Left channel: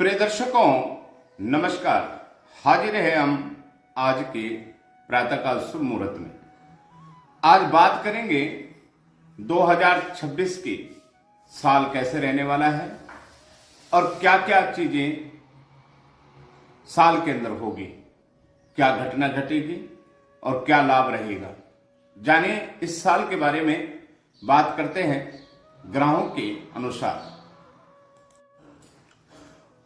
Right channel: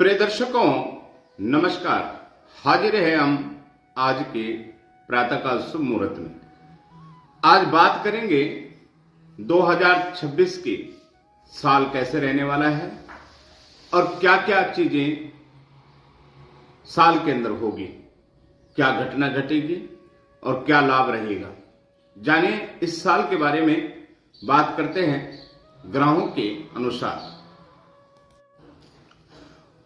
प्रिय दर्शकों नमस्कार। हाजिर है हम आज के प्रातःकाल शुभ मुहूर्त में। आज बात करेंगे 2026 के साल कैसे रहने वाला है और क्या क्या चीजें साल के अंदर होगी, क्या घटना घटेगी और क्या लाभ रहेगा। जाने इस साल के बारे में बात करते हैं ग्रहों के अनुसार।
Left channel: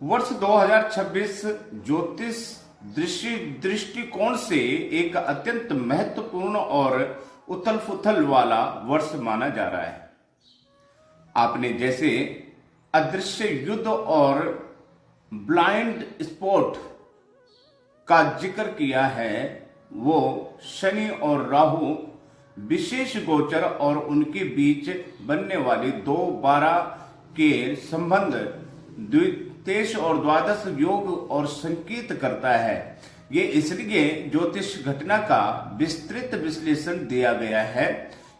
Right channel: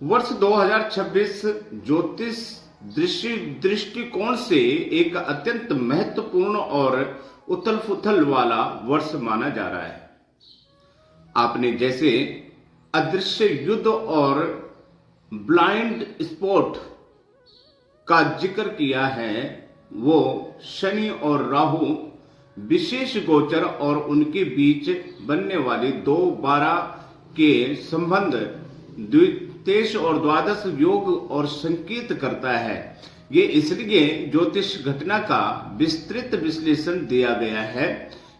वर्ष 2026 ज्योतिष दृष्टिकोण से एक अत्यंत महत्वपूर्ण और उथल पुथल वाला वर्ष माना जा रहा है। आपने जैसे अदृश्य युद्ध और ब्लाइंड स्पॉट का जिक्र किया है, वो शनि और राहु विशेष गोचर और उनके बीच बनने वाली 2-12 के संबंध द्वितेश और द्वादश योग और संकेत करता है। ये इसलिए ज्योतिष घटना का विस्तृत विश्लेषण दिया गया है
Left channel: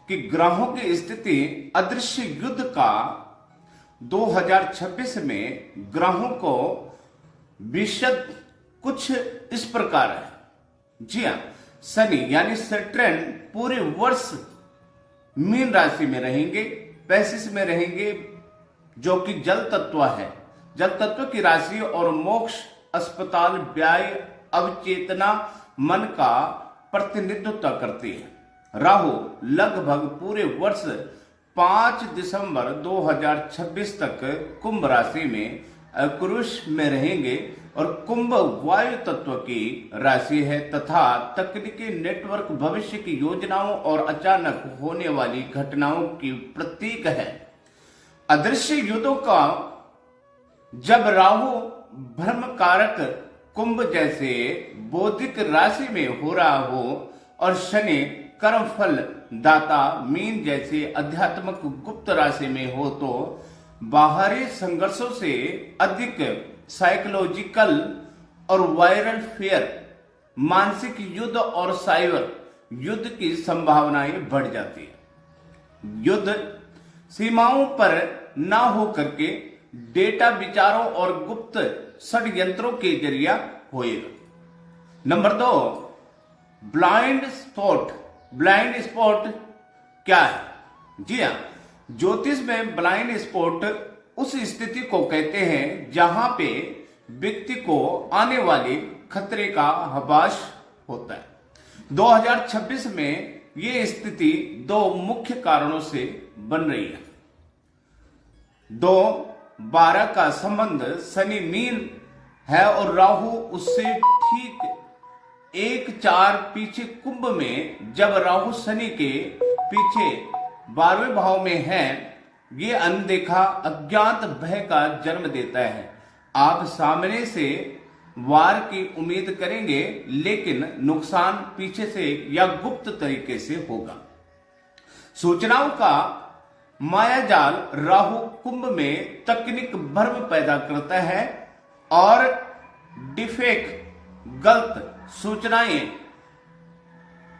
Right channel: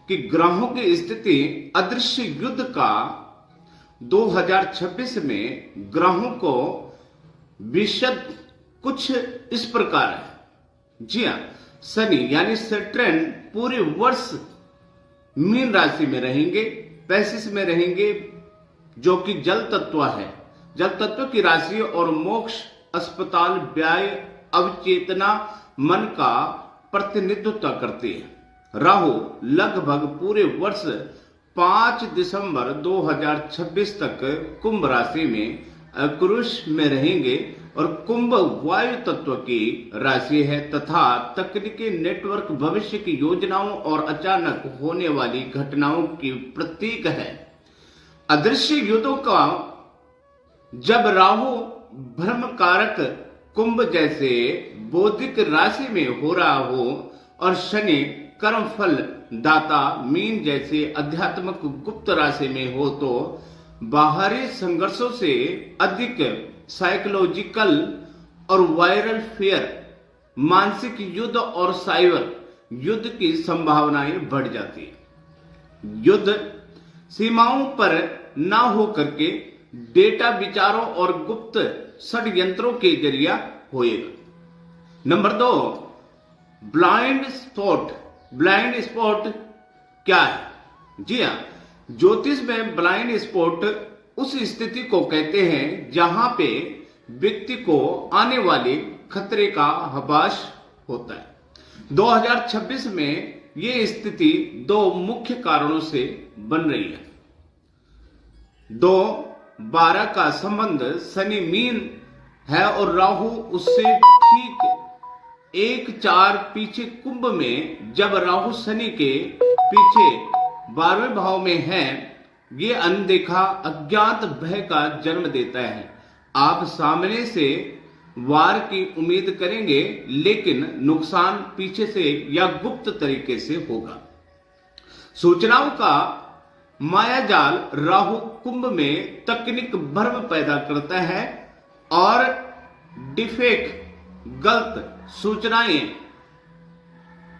कि ग्रहों की स्थिति अदृश्य युद्ध का 2026 में ग्रहों को विशद कुछ इस प्रकार है। जी हाँ, शनि यानी सैटर्न पूरे वर्ष मीन राशि में रहेंगे, पैसिस में रहेंगे, जो कि जल तत्व है। जल तत्व की राशि और मोक्ष, अस्पताल, व्यय, अवचेतना, मन का प्रतिनिधित्व करती है। राहु लगभग पूरे वर्ष 5 दिसंबर 2026 तक कुंभ राशि में अक्रूष में रहेंगे और कुंभ वायु तत्व की राशि है तथा तकनीकी नेटवर्क, भविष्य की योजनाओं और अचानक होने वाली घटनाओं की प्रतीक है। अदृश्य युद्धों का जब राहु भ्रम कारक कुंभ जैसे बौद्धिक राशि में हो रहा हो और शनि कर्म फल दाता मीन जैसे आध्यात्मिक गुप्त राशि में हो, तो बाहरी संघर्षों से अधिक साइकोलॉजिकल और वायरल फियर, मानसिक युद्ध और साइबर युद्ध की संभावनाएं बढ़ जाती है। युद्ध सीमाओं पर ना हो करके डेटा विचारों और गुप्त षड्यंत्रों के जरिया होएगा। Number 2, blind spot. Blind spot क्या है? जी हाँ, ज्योतिष में ब्लाइंड स्पॉट उस स्थिति को कहते हैं जहां पे व्यक्ति को आने वाले खतरे का आभास होता है। 2026 में ये स्थिति 2 मुख्य कारणों से बन रही है। 2-12 का संबंध शनि मीन है और राहु उससे ठीक 1-4 पीछे कुंभ में। जब राहु शनि के पीछे 12वें भाव में है, ये अनदेखा अज्ञात भय का जन्म देता है। आप सामने से वार की उम्मीद करेंगे, लेकिन नुकसान पीछे से या गुप्त तरीके से होगा। सूचनाओं का मायाजाल राहु कुंभ में तकनीक भ्रम पैदा करता है और डिफेक्ट, गलत सूचनाएं,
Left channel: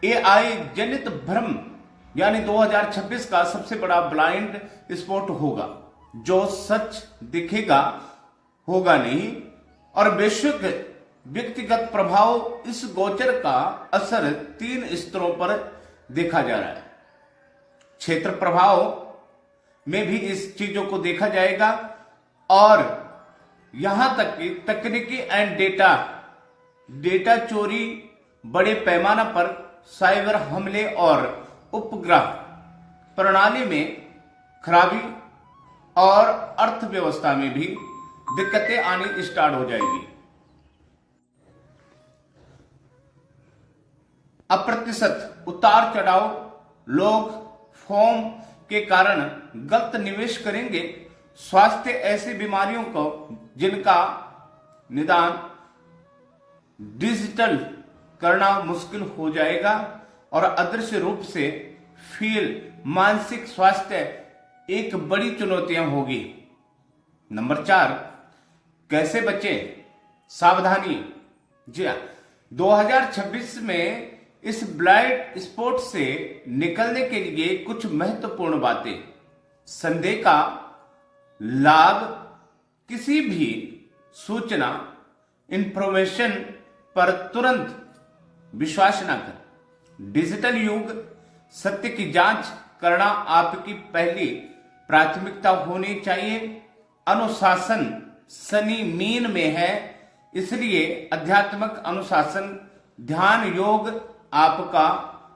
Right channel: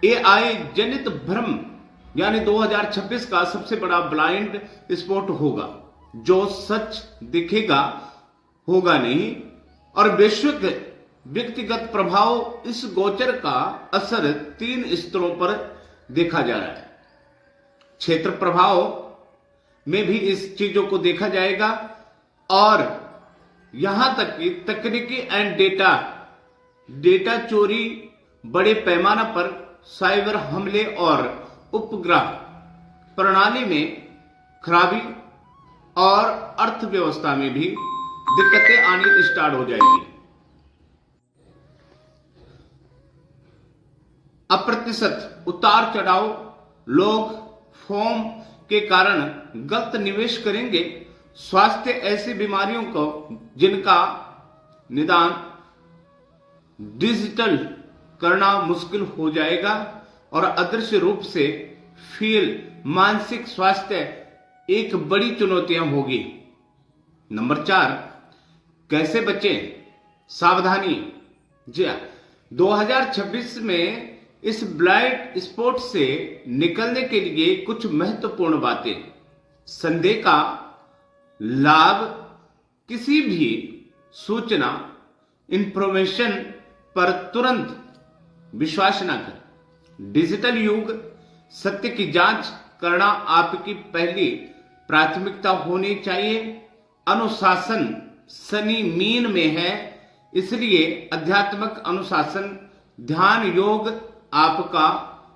एआई जनित भ्रम यानी 2026 का सबसे बड़ा ब्लाइंड स्पॉट होगा। जो सच दिखेगा होगा नहीं। और वैश्विक व्यक्तिगत प्रभाव, इस गोचर का असर 3 स्तरों पर देखा जा रहा है। क्षेत्र प्रभाव में भी इस चीजों को देखा जाएगा और यहां तक कि तकनीकी एंड डेटा चोरी, बड़े पैमाना पर साइबर हमले और उपग्रह प्रणाली में खराबी और अर्थव्यवस्था में भी दिक्कतें आनी स्टार्ट हो जाएगी। अप्रत्याशित उतार चढ़ाव, लोग फॉर्म के कारण गलत निवेश करेंगे। स्वास्थ्य, ऐसी बीमारियों को जिनका निदान डिजिटल करना मुश्किल हो जाएगा और अदृश्य रूप से फील, मानसिक स्वास्थ्य एक बड़ी चुनौतियां होगी। नंबर 4, कैसे बचें? सावधानी। जी हाँ, 2026 में इस ब्लाइंड स्पॉट से निकलने के लिए कुछ महत्वपूर्ण बातें। संदेह का लाभ किसी भी सूचना इंफॉर्मेशन पर तुरंत विश्वास न करें। डिजिटल युग, सत्य की जांच करना आपकी पहली प्राथमिकता होनी चाहिए। अनुशासन शनि मीन में है, इसलिए आध्यात्मिक अनुशासन, ध्यान योग आपका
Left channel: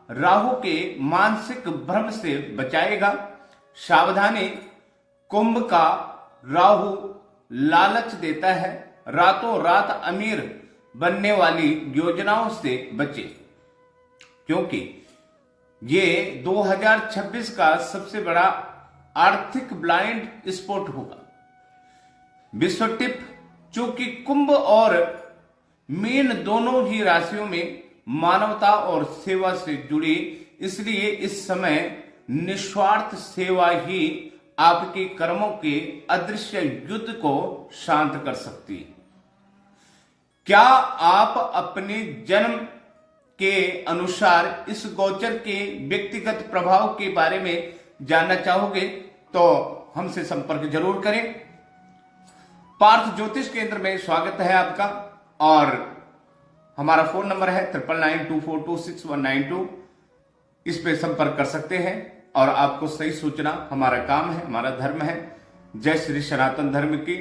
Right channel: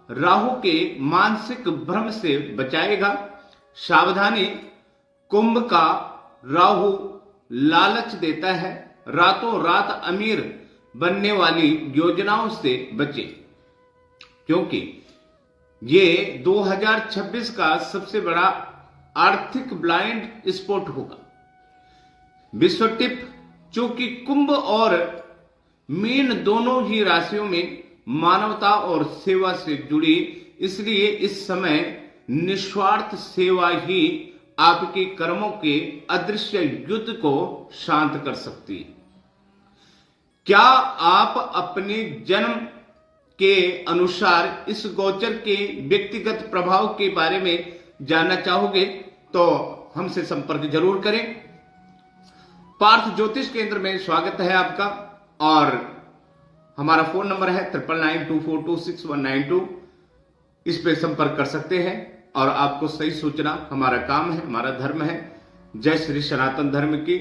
राहु के मानसिक भ्रम से बचाएगा। सावधानी, कुंभ का राहु लालच देता है, रातों रात अमीर बनने वाली योजनाओं से बचे, क्योंकि ये 2026 का सबसे बड़ा आर्थिक ब्लाइंड स्पॉट होगा। विश्व टिप, चूंकि कुंभ और मीन दोनों ही राशियों में मानवता और सेवा से जुड़ी, इसलिए इस समय निस्वार्थ सेवा ही आपके कर्मों के अदृश्य युद्ध को शांत कर सकती है। क्या आप अपने जन्म के अनुसार इस गोचर के व्यक्तिगत प्रभाव के बारे में जानना चाहोगे तो हमसे संपर्क जरूर करें। पार्थ ज्योतिष केंद्र में स्वागत है आपका, और हमारा फोन नंबर है 9992426192। इस पे संपर्क कर सकते हैं और आपको सही सूचना, हमारा काम है, हमारा धर्म है। जय श्री सनातन धर्म की।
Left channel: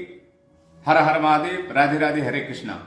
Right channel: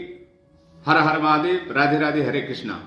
हर हर महादेव, राधे राधे, हरे कृष्णा।